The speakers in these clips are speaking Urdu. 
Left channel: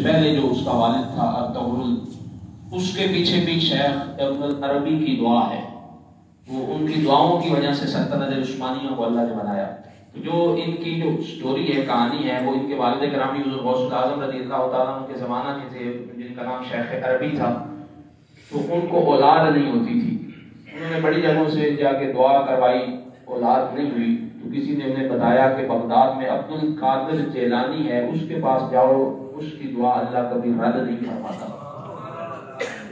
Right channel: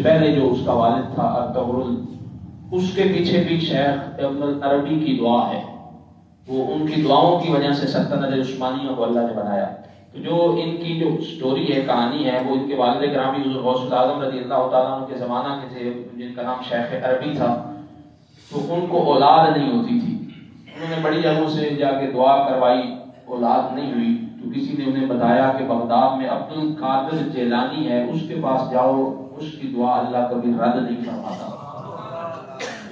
پہلے جو اس کا والد تھا ارطغرل، اس کے پیچھے بھی شیخ ابن العربی کی دعا ہے، وہ ان کی دعاؤں کی وجہ سے سلطنت عثمانیہ کو اللہ نے بنایا۔ جو ان کی جو سٹوری ہے، کہانی ہے، وہ ان کے والد گرامی حضور غوث العظم رضی اللہ تعالیٰ عنہ کے زمانہ کے تھے، جن کا نام شیخ عربی تھا۔ تو ان کو اولاد نہیں ہوتی تھی، انہوں نے بڑی جگہوں سے جا کے دعا کروائی، اولاد نہیں ہوئی۔ تو کسی نے انہیں بتایا کہ بغداد میں عبد القادر جیلانی ہے، اس کے پاس جاؤ، اس کی دعا اللہ کبھی رد نہیں فرماتا۔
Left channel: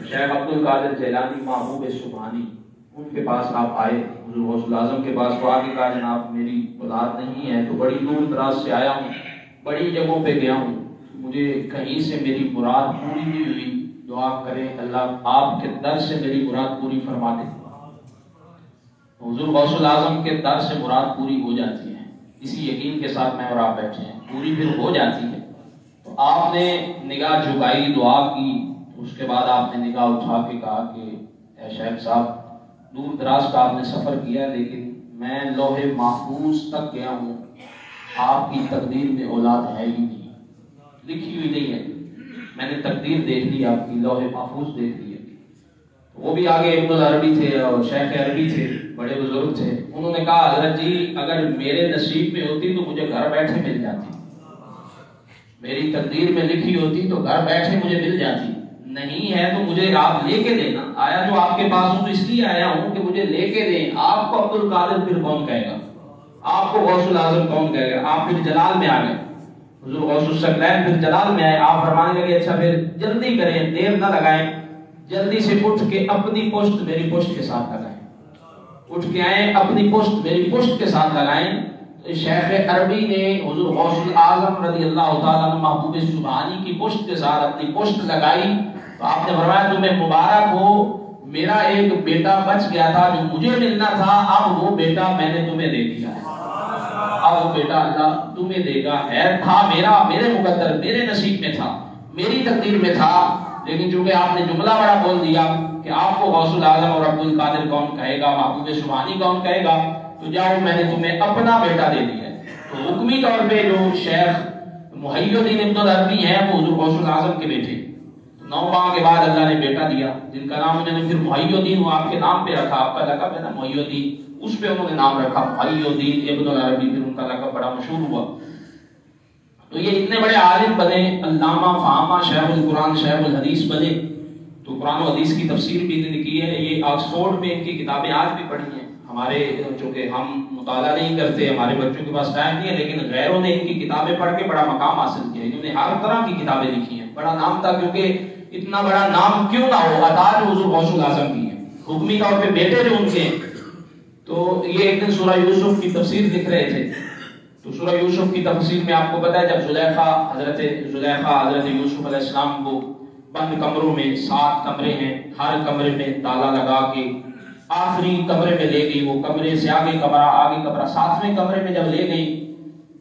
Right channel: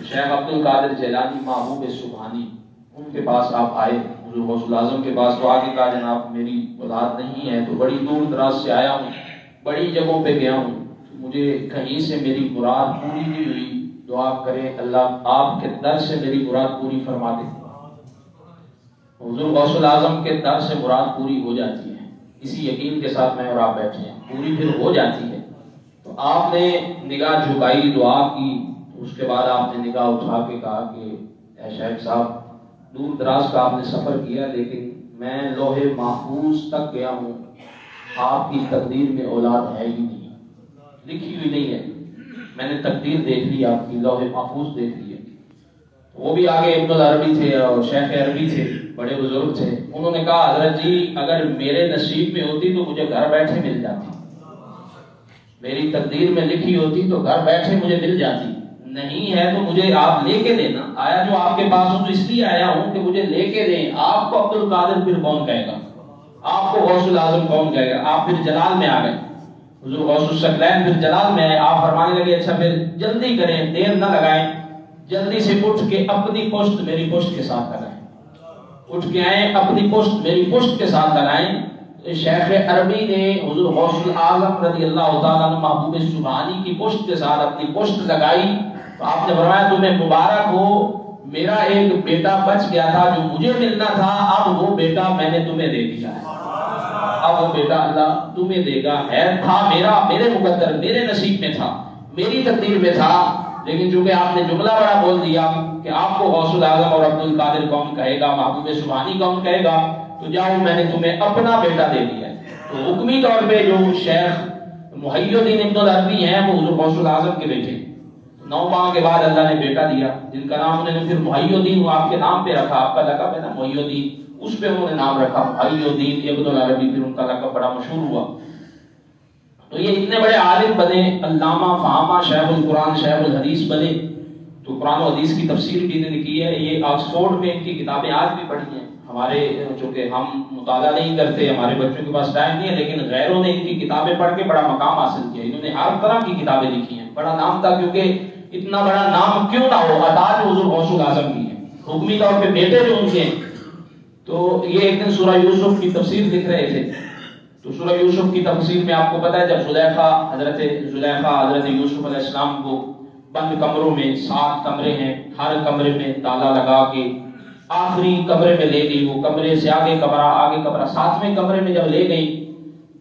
شیخ عبد القادر جیلانی محبوب سبحانی، ان کے پاس آپ آئے، حضور غوث العظم کے پاس دعا کی، کہا جناب میری اولاد نہیں ہے، تو بڑی دور دراز سے آیا ہوں، بڑی جگہوں پہ گیا ہوں، مجھے کہیں سے میری مراد پوری نہیں ہوئی، دعا کریں اللہ آپ کے در سے میری مراد پوری فرما دے۔ حضور غوث العظم کے در سے مراد پوری ہو جاتی ہے، اسی یقین کے ساتھ میں اور آپ بیٹھے ہیں، پوری پھر ہو جاتی ہے۔ تو آپ نے نگاہ جھکائی، دعا کی، اس کے بعد آپ نے نگاہ اٹھا کے کہا کہ اے شیخ صاحب، دور دراز کا آپ نے سفر کیا، لیکن میں لوح محفوظ تک گیا ہوں، آپ کی تقدیر میں اولاد ہے ہی نہیں، لکھی ہوئی نہیں ہے، میں نے تقدیر دیکھ لی، آپ کی لوح محفوظ دیکھ لی ہے۔ وہ بھی آگے ابن العربی تھے اور شیخ عربی تھے، بڑے بزرگ تھے، انہوں نے کہا حضرت جی اگر میرے نصیب میں ہوتی تو مجھے گھر بیٹھے مل جاتی، میری تقدیر میں لکھی ہوتی تو گھر بیٹھے مجھے مل جاتی، نہیں ہے تو مجھے آپ لے کے دینا، آیا جو آپ کے پاس ہوں تو اس لیے آیا ہوں کہ مجھے لے کے دیں۔ آپ کو عبد القادر پھر کون کہے گا، آپ کو غوث العظم کون کہے گا، آپ پھر جلال میں آ گئے، حضور غوث الثقلین پھر جلال میں آئے، آپ فرمانے لگے اچھا پھر جلدی کریں، دیر نہ لگائیں، جلدی سے اٹھ کے اپنی پشت میری پشت کے ساتھ لگائیں، اٹھ کے آئیں اپنی پشت میری پشت کے ساتھ لگائیں۔ شیخ عربی نے حضور غوث العظم رضی اللہ تعالیٰ عنہ محبوب سبحانی کی پشت کے ساتھ اپنی پشت لگائی، تو آپ نے فرمایا تمہیں مبارک ہو، میرا ایک بیٹا بچ گیا تھا جو مجھے ملنا تھا، اب وہ بیٹا میں نے تمہیں دے دیا ہے، اب وہ بیٹا اللہ تمہیں دے گا، ہے تھا میرے مقدر، میرے نصیب میں تھا، میری تقدیر میں تھا، لیکن چونکہ آپ نے جملہ بڑا بول دیا کہ آپ کو غوث العظم اور عبد القادر کون کہے گا، محبوب سبحانی کون کہے گا، تو جاؤ میں نے تمہیں اپنا بیٹا دے دیا ہے۔ تو حکمی طور پہ جو شیخ محی الدین ابن العربی ہیں وہ حضور غوث العظم کے بیٹے، 9 ماہ کے بعد اللہ نے بیٹا دیا، جن کا نام انہوں نے پھر محی الدین آپ کے نام پہ رکھا، آپ کا لقب ہے نا محی الدین، اس پہ انہوں نے نام رکھا محی الدین ابن العربی، پھر ان کا لقب بڑا مشہور ہوا۔ تو یہ اتنے بڑے عالم بنے، علامہ فہامہ، شیخ القرآن شیخ الحدیث بنے، تو قرآن و حدیث کی تفسیر بھی انہوں نے کی ہے، یہ آکسفورڈ میں ان کی کتابیں آج بھی پڑھی ہیں، ہمارے چونکہ ہم مطالعہ نہیں کرتے، ہمارے بچوں کے پاس ٹائم نہیں ہے، لیکن غیروں نے ان کی کتابیں پڑھ کے بڑا مقام حاصل کیا، انہوں نے ہر طرح کی کتابیں لکھی ہیں، بڑا نام تھا، کیونکہ اتنا بڑا نام کیوں نہ ہو، عطا جو حضور غوث العظم کی ہے، حکمی طور پہ بیٹے جو ان کے، تو یہ ایک دن سورہ یوسف کی تفسیر لکھ رہے تھے، تو سورہ یوسف کی تفسیر میں آپ کو پتا ہے جب حضرت یوسف علیہ السلام کو بند کمروں میں 7 کمرے ہیں، ہر کمرے میں تالا لگا کے آخری کمرے میں لے گئی، وہ کمرے سے آگے کمرہ 7ویں کمرے میں جب لے گئی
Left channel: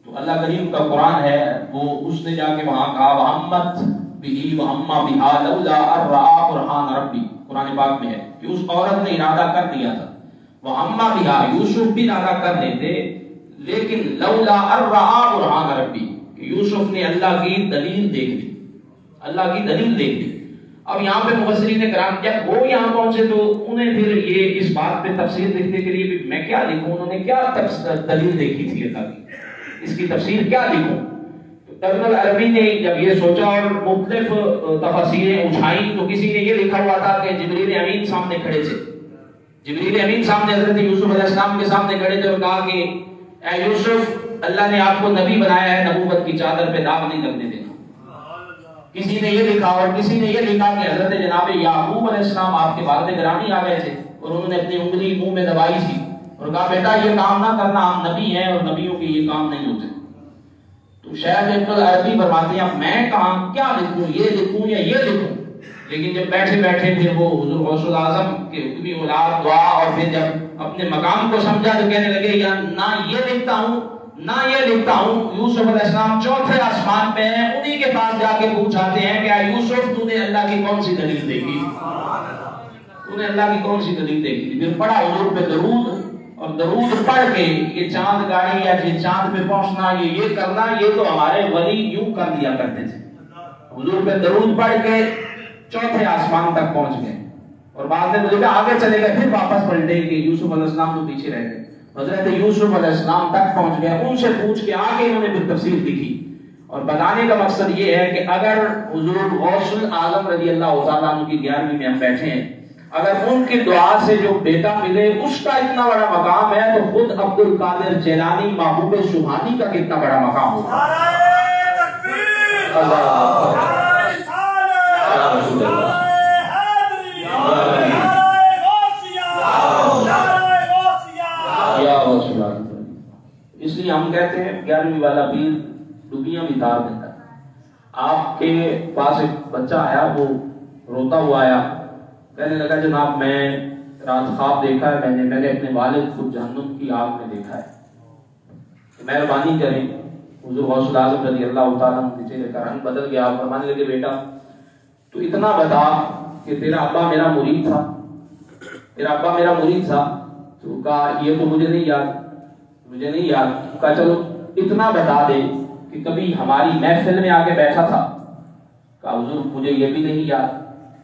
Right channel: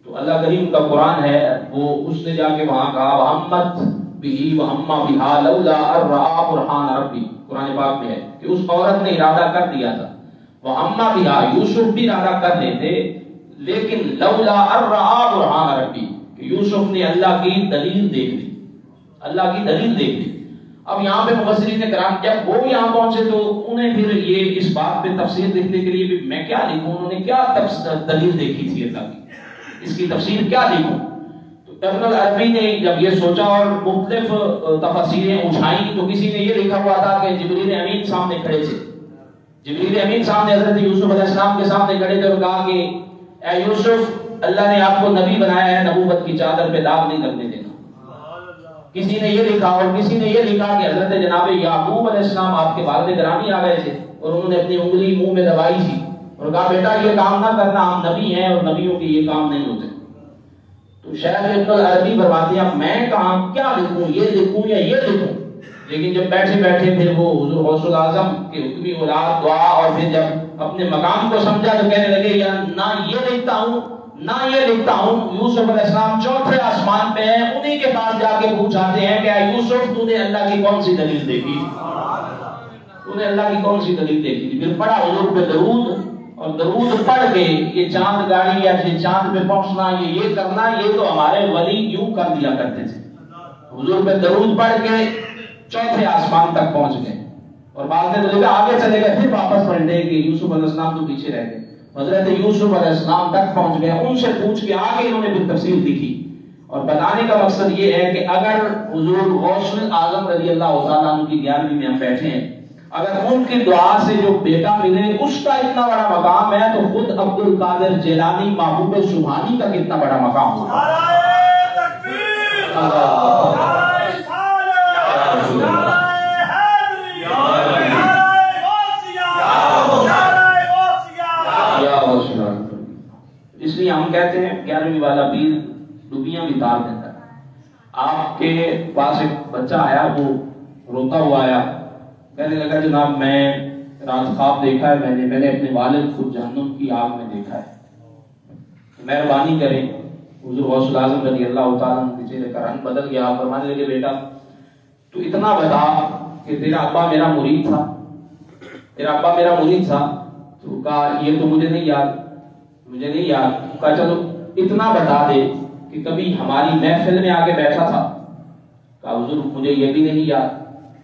تو اللہ کریم کا قرآن ہے، وہ اس نے جا کے وہاں کہا وَحَمَّتْ بِهِ وَحَمَّا بِهَا لَوْلَا أَن رَأَىٰ بُرْهَانَ رَبِّهِ، قرآن پاک میں ہے کہ اس عورت نے ارادہ کر دیا تھا، وَحَمَّا بِهَا، یوسف بھی ارادہ کر رہے تھے، لیکن لولا ان رأى برهان ربی، یوسف نے اللہ کی دلیل دیکھ لی، اللہ کی دلیل دیکھ لی۔ اب یہاں پہ مفسرین کرام جب وہ یہاں پہنچے تو انہیں پھر یہ اس بات پہ تفسیر لکھنے کے لیے بھی میں کیا لکھوں، انہوں نے کیا دلیل دیکھی تھی اللہ کی، اس کی تفسیر کیا لکھوں، تو ابن العربی نے جب یہ سوچا اور مختلف تفسیریں اٹھائیں تو کسی نے یہ لکھا ہوا تھا کہ جبریل امین سامنے کھڑے تھے، جبریل امین سامنے حضرت یوسف علیہ السلام کے سامنے کھڑے تھے اور کہا کہ اے یوسف اللہ نے آپ کو نبی بنایا ہے، نبوت کی چادر پہ داغ نہیں لگنے دینا۔ کسی نے یہ لکھا اور کسی نے یہ لکھا کہ حضرت جناب یعقوب علیہ السلام آپ کے والد گرامی آ گئے تھے اور انہوں نے اپنی انگلی منہ میں دبائی تھی اور کہا بیٹا یہ کام نہ کرنا، ہم نبی ہیں اور نبیوں کے یہ کام نہیں ہوتے۔ تو شیخ ابن العربی فرماتے ہیں میں کہاں کیا لکھوں، یہ لکھوں یا یہ لکھوں، لیکن جب بیٹھے بیٹھے پھر وہ حضور غوث العظم کے حکمی اولاد دعا اور پھر جب اپنے مقام کو سمجھا تو کہنے لگے یا نہ یہ لکھتا ہوں نہ یہ لکھتا ہوں۔ یوسف علیہ السلام 4تھے آسمان پہ ہیں، انہی کے پاس جا کے پوچھاتے ہیں کہ یوسف تو نے اللہ کی کون سی دلیل دیکھی، تو نے اللہ کی کون سی دلیل دیکھی، پھر پڑھا حضور پہ درود، اور درود پڑھ کے یہ چاند گاڑی یا یہ چاند پہ پہنچنا یہ کرنا، یہ تو ہمارے ولی یوں کر دیا کرتے تھے، حضور پہ درود پڑھ کے چوتھے آسمان تک پہنچ گئے، اور بعد میں مجھے آگے چلے گئے، پھر واپس پلٹے کہ یوسف علیہ السلام تو پیچھے رہ گئے، حضرت یوسف علیہ السلام تک پہنچ گئے، ان سے پوچھ کے آگے انہوں نے پھر تفسیر لکھی۔ اور بتانے کا مقصد یہ ہے کہ اگر حضور غوث الاعظم رضی اللہ تعالیٰ عنہ کی 11ویں میں ہم بیٹھے ہیں، اگر ان کی دعا سے جو بیٹا ملے اس کا اتنا بڑا مقام ہے، تو خود عبد القادر جیلانی محبوب سبحانی کا کتنا بڑا مقام ہوگا۔ اس لیے ہم کہتے ہیں 11ویں والا پیر ڈوبیاں بھی تار دیتا ہے۔ آپ کے پاس ایک بچہ آیا، وہ روتا ہوا آیا، کہنے لگا جناب میں رات خواب دیکھا ہے، میں نے اپنے والد کو جہنم کی آگ میں دیکھا ہے، مہربانی کریں۔ حضور غوث الاعظم رضی اللہ تعالیٰ عنہ کے چہرے کا رنگ بدل گیا، فرمانے لگے بیٹا تو اتنا بتا کہ تیرا ابا میرا مرید تھا، تیرا ابا میرا مرید تھا؟ تو کہا یہ تو مجھے نہیں یاد، کہا چلو اتنا بتا دے کہ کبھی ہماری محفل میں آ کے بیٹھا تھا؟ کہا حضور مجھے یہ بھی نہیں یاد۔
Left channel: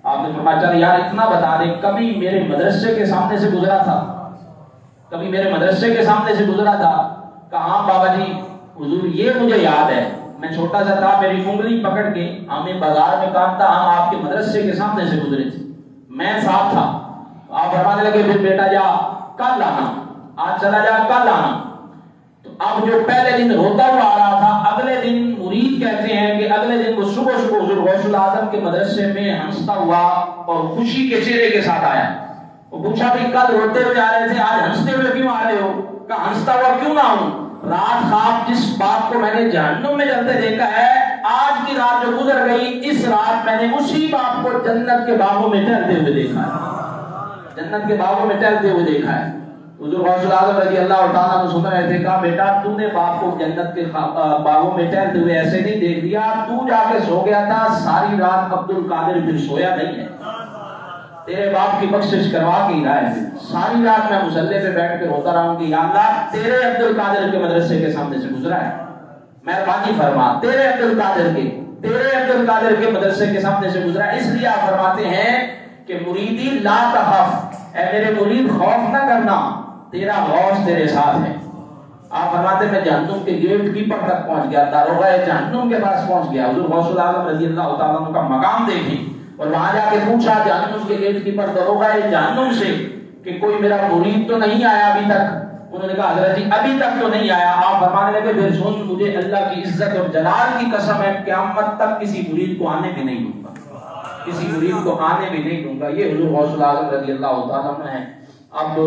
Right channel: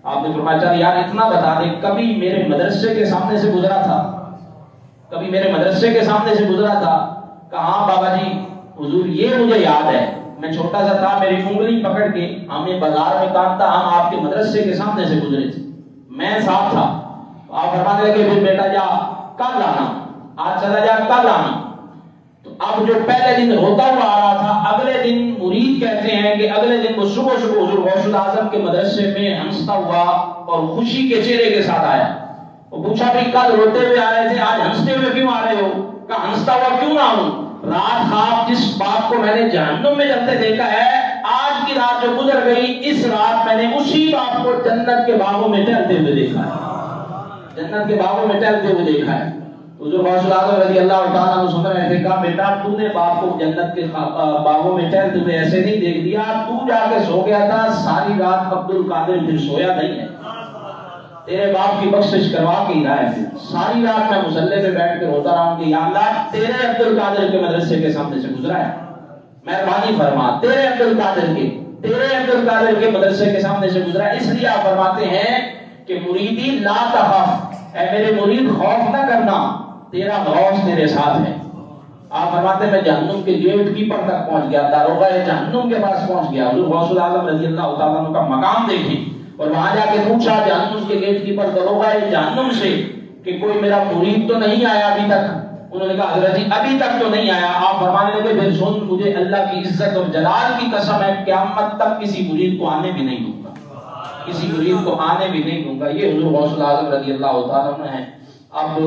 آپ نے فرمایا چل یار اتنا بتا دے کبھی میرے مدرسے کے سامنے سے گزرا تھا؟ کبھی میرے مدرسے کے سامنے سے گزرا تھا؟ کہا ہاں بابا جی حضور یہ مجھے یاد ہے، میں چھوٹا سا تھا، میری انگلی پکڑ کے ہمیں بازار میں کام تھا، ہم آپ کے مدرسے کے سامنے سے گزرے تھے، میں صاحب تھا۔ آپ فرمانے لگے پھر بیٹا جا کل آنا، آج چلا جا کل آنا۔ تو اب جو پہلے دن روتا ہوا آ رہا تھا، اگلے دن مرید کہتے ہیں کہ اگلے دن وہ صبح حضور غوث الاعظم کے مدرسے میں ہنستا ہوا اور خوشی کے چہرے کے ساتھ آیا۔ وہ پوچھا بھی کل روتے ہوئے آ رہے تھے، آج ہنستے ہوئے کیوں آ رہے ہو؟ کہا ہنستا ہوا کیوں نہ ہوں، رات خواب جس باپ کو میں نے جہنم میں جلتے دیکھا ہے، آج کی رات جو گزر گئی اس رات میں نے اسی باپ کو جنت کے باغوں میں ٹہلتے ہوئے دیکھا ہے، جنت کے باغوں میں ٹہلتے ہوئے دیکھا ہے۔ حضور غوث الاعظم رضی اللہ تعالیٰ عنہ سن رہے تھے، کہا بیٹا تو نے باپ کو جنت کے باغوں میں ٹہلتے ہوئے ایسے نہیں دیکھ دیا، تو جا کے سو گیا تھا، ساری رات عبد القادر پھر سویا نہیں ہے، تیرے باپ کی بخشش کروا کے ہی رہا ہے، ساری رات میں مصلی پہ بیٹھ کے روتا رہا ہوں کہ یا اللہ تیرے عبد القادر کے مدرسے کے سامنے سے گزرا ہے، مہربانی فرما تیرے عبد القادر کے مدرسے کے سامنے سے گزرا ہے۔ اس لیے آپ فرماتے ہیں کہ مریدی لا تخف، اے میرے مرید خوف نہ کرنا، تیرا غوث تیرے ساتھ ہے۔ آپ فرماتے ہیں میں جہنم کے گیٹ کیپر تک پہنچ گیا، داروغہ جہنم کے پاس پہنچ گیا، حضور غوث الاعظم رضی اللہ تعالیٰ عنہ کا مقام دیکھی، اور وہاں جا کے پوچھا جہنم کے گیٹ کیپر داروغہ جہنم سے کہ کوئی میرا مرید تو نہیں آیا ابھی تک؟ انہوں نے کہا حضرت جی ابھی تک تو نہیں آیا۔ آپ فرمانے لگے پھر سن مجھے اللہ کی عزت اور جلال کی قسم ہے قیامت تک کسی مرید کو آنے بھی نہیں دوں گا، کسی مرید کو آنے بھی نہیں دوں گا۔ یہ حضور غوث الاعظم رضی اللہ تعالیٰ عنہ ہیں۔ اب